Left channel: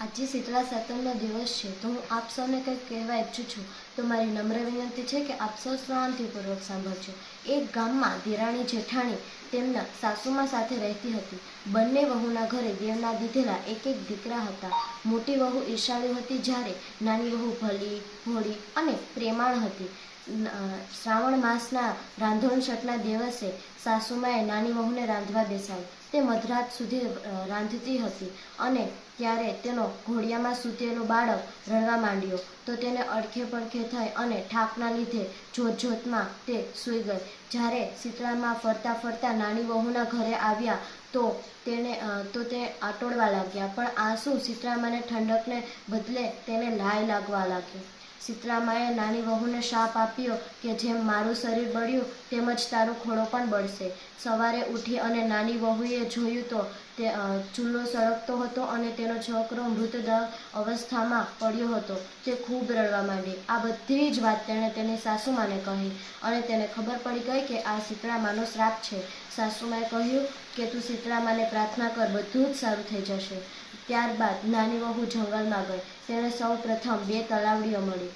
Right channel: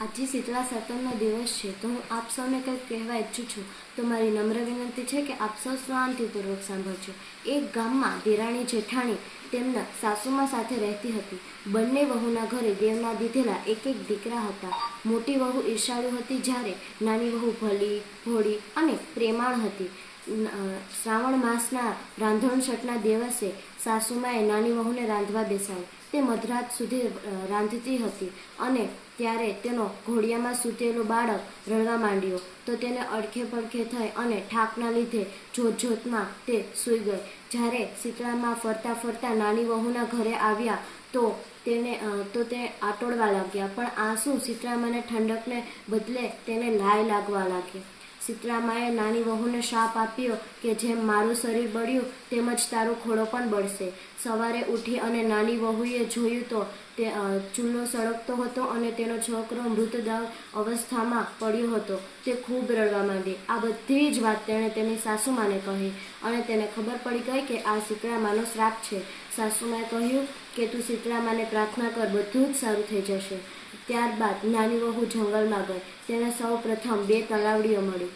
આજે શીતળા સાતમનો દિવસ છે, તો હું આપ સૌને કંઈક કહેવા ઈચ્છું છું. તો મારી નમ્ર વિનંતી છે કે આપ સૌ શાંતિપૂર્વક સાંભળજો. એક ગામમાં દેરાણી જેઠાણી તેમના સાસુમાં સાથે રહેતી હતી. બંને વહુના ઘરે દેવના દીધેલા એક એક દીકરા હતા. મોટી વહુ ઈર્ષાળુ હતી, જ્યારે નાની વહુ ભલી, ભોળી અને પ્રેમાળ હતી. શ્રાવણ માસના રાંધણછઠના દિવસે સાસુમાએ નાની વહુને રાંધવા બેસાડી. તે મધરાત સુધી રાંધતી હતી અને ત્યારે તેનો ઘોડિયામાં સૂતેલું બાળક રડવા માંડ્યો. તો તેને અડખે પડખે થઈ અને થાકના લીધે જોતજોતમાં તે સૂઈ ગઈ. જ્યારે શીતળામાં ફરતા ફરતા નાની વહુના ઘરે આવ્યા તો તે આટોડવા લાગ્યા, પણ આંસુ શીતળામાને ઠંડકને બદલે તેને લાય લાગવા લાગી. શીતળામાએ નાની વહુને શાપ આપ્યો કે જેમ મારું શરીર બળ્યું તેમજ તારો ખોળો પણ બળશે. સવારે ઉઠી અને નાની વહુએ જોયું તો તે ચૂલો સળગતો હતો અને તેનો છોકરો મૃતદેહ અવસ્થામાં પડ્યો હતો. તે ખૂબ રડવા માંડી. આ બધી જ વાત તેણે તેની સાસુમાને કહી અને તેને ખબર પડી ગઈ કે આ શીતળામાનો શ્રાપ છે. સાસુમાએ કહ્યું કે તું શીતળામાને પ્રાર્થના કર, બધું જ સારું થઈ જશે. ત્યારબાદ નાની વહુ જંગલમાં ગઈ. તેણે સૌ પ્રથમ 2 તલાવડીઓ મળી.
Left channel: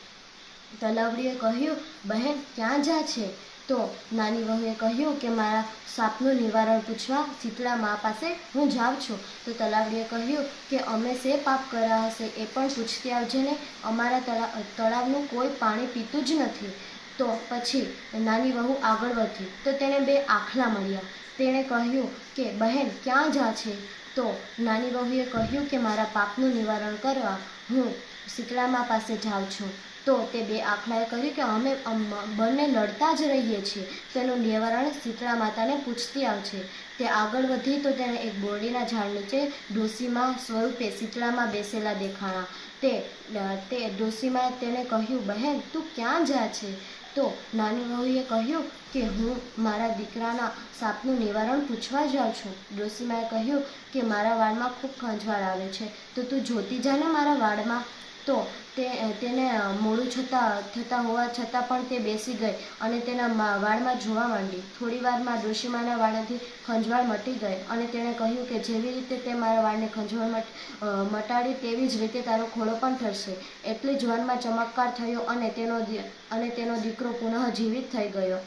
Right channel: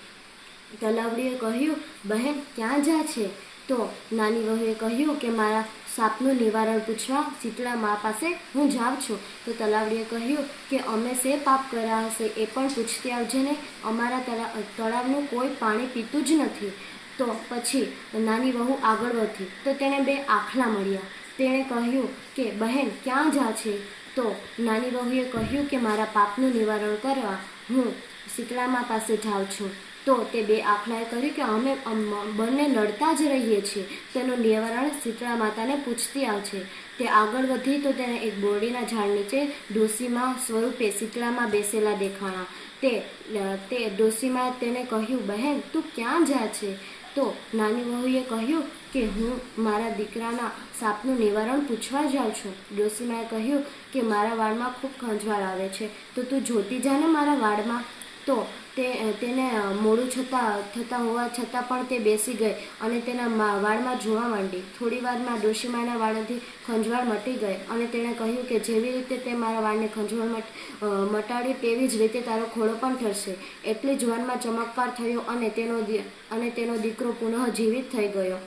તલાવડીએ કહ્યું, બહેન ક્યાં જા છે? તો નાની વહુએ કહ્યું કે મારા સાપનું નિવારણ પૂછવા શીતળા મા પાસે હું જાઉં છું. તો તલાવડીએ કહ્યું કે અમે શે પાપ કર્યા હશે એ પણ પૂછતી આવજે ને, અમારા તળાવનું કોઈ પાણી પીતું જ નથી. તો પછી નાની વહુ આગળ વધી તો તેને 2 આખલા મળ્યા. તેણે કહ્યું કે બહેન ક્યાં જા છે? તો નાની વહુએ કહ્યું કે મારા પાપનું નિવારણ કરવા હું શીતળામા પાસે જાઉં છું. તો તે 2 આખલાએ કહ્યું કે અમે બંને લડતા જ રહીએ છીએ, તેનું નિવારણ શીતળા માતાને પૂછતી આવશે. તે આગળ વધી તો તેને એક બોરડીના ઝાડ નીચે ડોશીમા સ્વરૂપે શીતળામાં બેસેલા દેખાણા. તે ડોશીમાએ તેને કહ્યું, બહેન તું ક્યાં જા છે? તો નાની વહુએ કહ્યું કે હું મારા દીકરાના સાપનું નિવારણ પૂછવા જાઉં છું. ડોશીમાએ કહ્યું કે મારા વાળમાં ખૂબ ખંજવાળ આવે છે, તો તું જોતી જા ને મારા વાળમાં. તો તેને મોડું થતાં હોવા છતાં પણ તે બેસી ગઈ અને તેના વાળમાં જોવા માંડી. થોડી વારમાં ડોશીમાના વાળથી ખંજવાળ મટી ગઈ અને તેણે કહ્યું કે જેવી રીતે તે મારા વાળને ખંજવાળ મટાડી તેવી જ રીતે તારો ખોળો પણ ઠરશે. એટલી જ વારમાં ચમત્કાર થયો અને તેનો દીકરો પુનઃ જીવિત થઈ ગયો.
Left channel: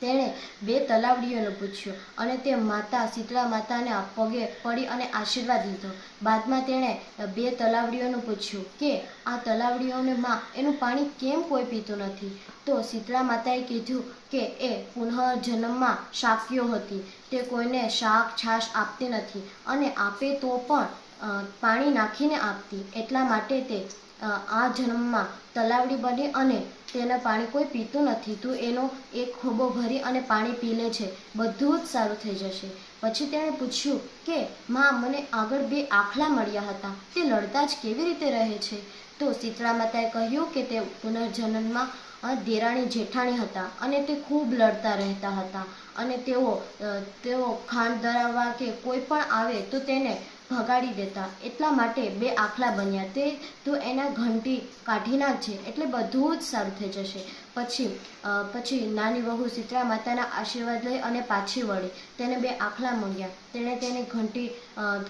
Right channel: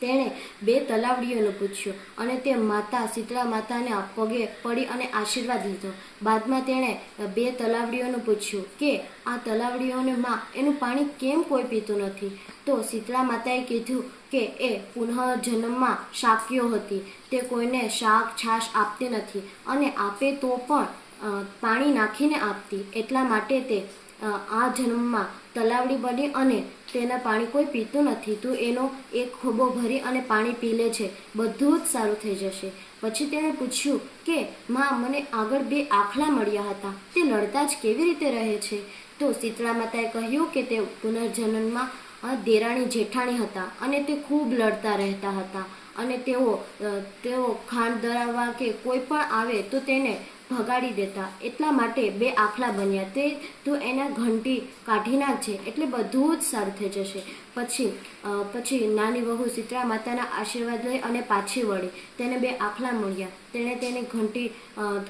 તેણે 2 તલાવડીઓનું પૂછ્યું અને તે માતા શીતળા માતાને પગે પડી અને આશીર્વાદ લીધો. બાદમાં તેણે 2 તલાવડીઓનું પૂછ્યું કે આ તલાવડીઓને માં એનું પાણી કેમ કોઈ પીતું નથી? તો શીતળા માતાએ કીધું કે એ પુનઃજન્મમાં શાક્યો હતી. તે કોઈને શાક છાશ આપતી નથી અને આપે તો પણ પાણી નાખીને આપતી. એટલા માટે તે આ જન્મમાં તલાવડી બની અને તેના પાણી કોઈ પીતું નથી. તું એનો એક ખોબો ભરી અને પાણી પી લે છે, બધું જ સારું થઈ જશે. પછી તેણે પૂછ્યું કે માં મને આગળ 2 આખલા મળ્યા હતા, તે લડતા જ કેવી રીતે રહે છે? તો શીતળા માતાએ કહ્યું કે તે પુનર્જન્મમાં દેરાણી જેઠાણી હતા અને તે ખૂબ લડતા રહેતા હતા અને તેઓ ખાંડ ધરાવવા કે કોઈ પણ આવે તો તેને ભગાડી દેતા. એટલા માટે 2 આખલા બન્યા. તો એના ઘંટી કાઢી નાખજે એટલે બધું જ સારું થઈ જશે. પછી નાની વહુ શીતળા માતાના આશીર્વાદ લઈ અને પાછી વળી. તેને 2 આખલા મળ્યા. તેણે તેની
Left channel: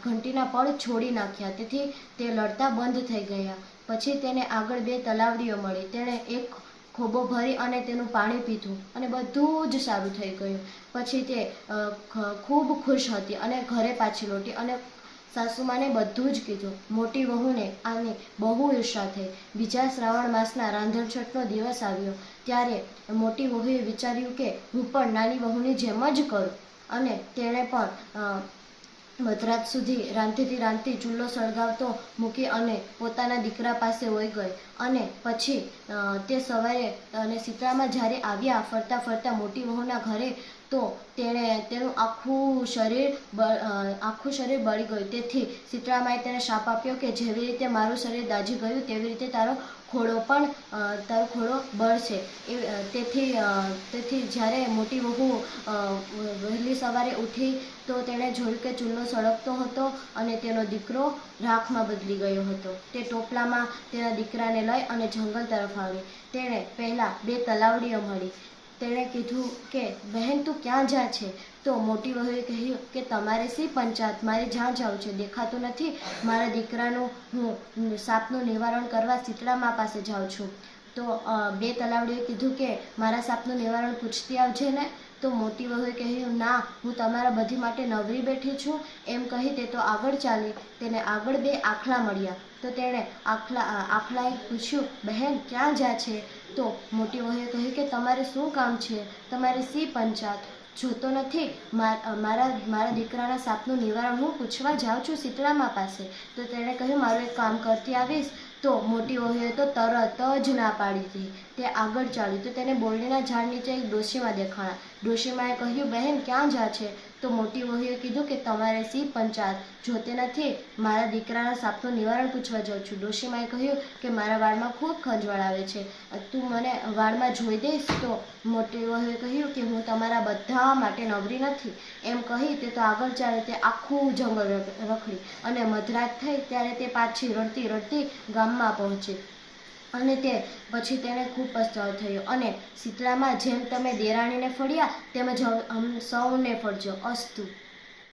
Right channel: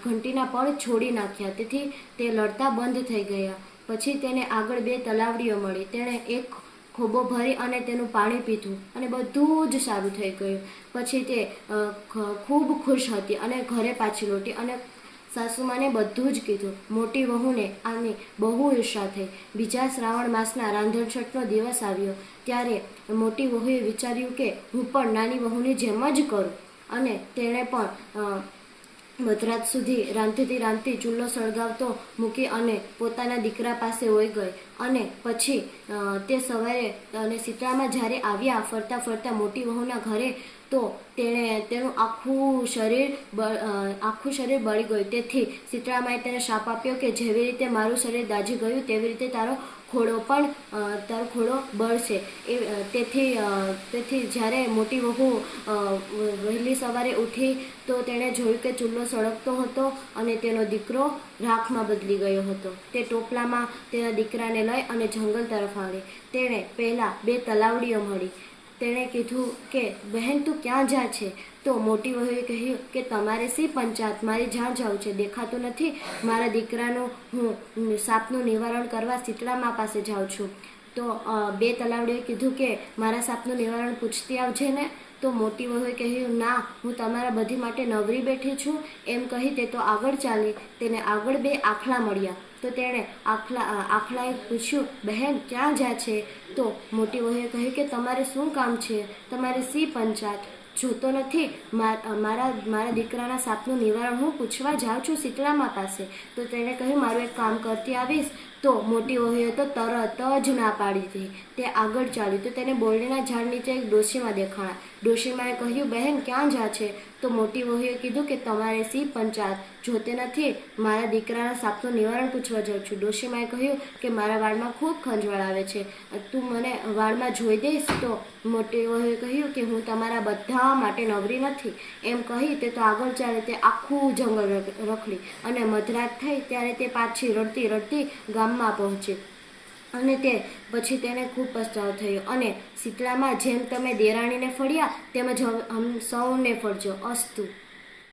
ઘંટીના પળ છોડી નાખ્યા, તેથી તે લડતા બંધ થઈ ગયા. પછી તેને આગળ 2 તલાવડીઓ મળી. તેણે એક ખોબો ભરી અને તેનું પાણી પીધું અને બધું જ સારું થઈ ગયું. પછી તે ખૂબ ખુશ હતી અને ઘરે પાછી લૂંટી અને સાસુમાને બધું જ કીધું. મોટી વહુને આની બહુ ઈર્ષા થઈ. બીજા શ્રાવણ માસના રાંધણછઠનો દિવસ આવ્યો ત્યારે મોટી વહુએ વિચાર્યું કે હું પણ નાની વહુની જેમ જ કરું અને તેણે પણ મધરાત સુધી રાંધતી ચૂલો સળગાવતો મૂકી અને પોતાના દીકરા પાસે વહી ગઈ. અને પછી તે સવારે અને શીતળામાં જ્યારે આવ્યા ફરતા ફરતા મોટી વહુના ઘરે તો તેનું આખું શરીર બળી ગયું. તેથી શીતળામાએ તેને શાપ આપ્યો કે જેવી રીતે મારું શરીર દાઝી ગયું તેવી રીતે તારો ખોળો બળશે. તેથી જ્યારે મોટી વહુ વહેલી સવારે ઉઠી તો તેણે જોયું કે ચૂલો સળગતો હતો અને તેનો દીકરો રાખમાં બદલી ગયો હતો. તે ટોપલામાં તેના દીકરાને લઈ અને જંગલ તરફ આવી. તેણે પહેલાં 2 તલાવડીઓ મળી. તેણે કીધું કે બહેન તું ક્યાં જા છે? તો મોટી વહુએ કહ્યું કે તમારે શી પંચાયત, મારી જ્યાં જાઉં છે દેખાતું નથી, મારા દીકરાનું હું સાપનું નિવારણ કરવા શીતળામા પાસે જાઉં છું. તો બે તલાવડીએ કીધું કે મારા સાપનું નિવારણ પૂછતી આવજે ને. તો મોટી વહુએ કહ્યું ના, હું તમારા બધી માટે નવરી બેઠી છું. એમ કહી તે તો આગળ ચાલી. તેને આગળ બે આખલા મળ્યા. તો તેણે આખલાએ પૂછ્યું, બહેન ક્યાં જા છે? તો મોટી વહુએ કહ્યું કે તમારે શું કામ છે, તમારે શી પંચાયત, જોતો નથી મારા દીકરાના સાપનું નિવારણ હું પૂછવા જાઉં છું શીતળામા પાસે. તો તેણે કહ્યું મારું એક કામ કરતી આવીશ. તો મોટી વહુએ તો તરત જ ના પાડી હતી. તે આગળ ચાલી તો તેને બોરડીના ઝાડ નીચે એક ડોશીમાં દેખાણા. ડોશીમાએ કહ્યું, બહેન ક્યાં જા છે? તો મોટી વહુએ કીધું કે તમારે શી પંચાયત, જોતે નથી મારા દીકરાના સાપનું નિવારણ પૂછવા જાઉં છું. ડોશીમાએ કહ્યું કે મારા વાળમાં ખૂબ ખંજવાળ આવે છે, તું મને વાળમાં જોઈ દઈશ? તો મોટી વહુએ કહ્યું કે હું તમારા બધા માટે નવરી નથી. એમ કહી તે તો આગળ ચાલે. તે આખું જંગલ રખડી અને મધરાત થઈ ત્યારે તે પાછી રડતી રડતી ગામમાં પહોંચી. અને તે પછી તેને ખૂબ પસ્તાવો થયો. અને શીતળામાં જેમ તમે દેરાણીને ફળ્યા તેમજ સૌને ફળજો. અસ્તુ.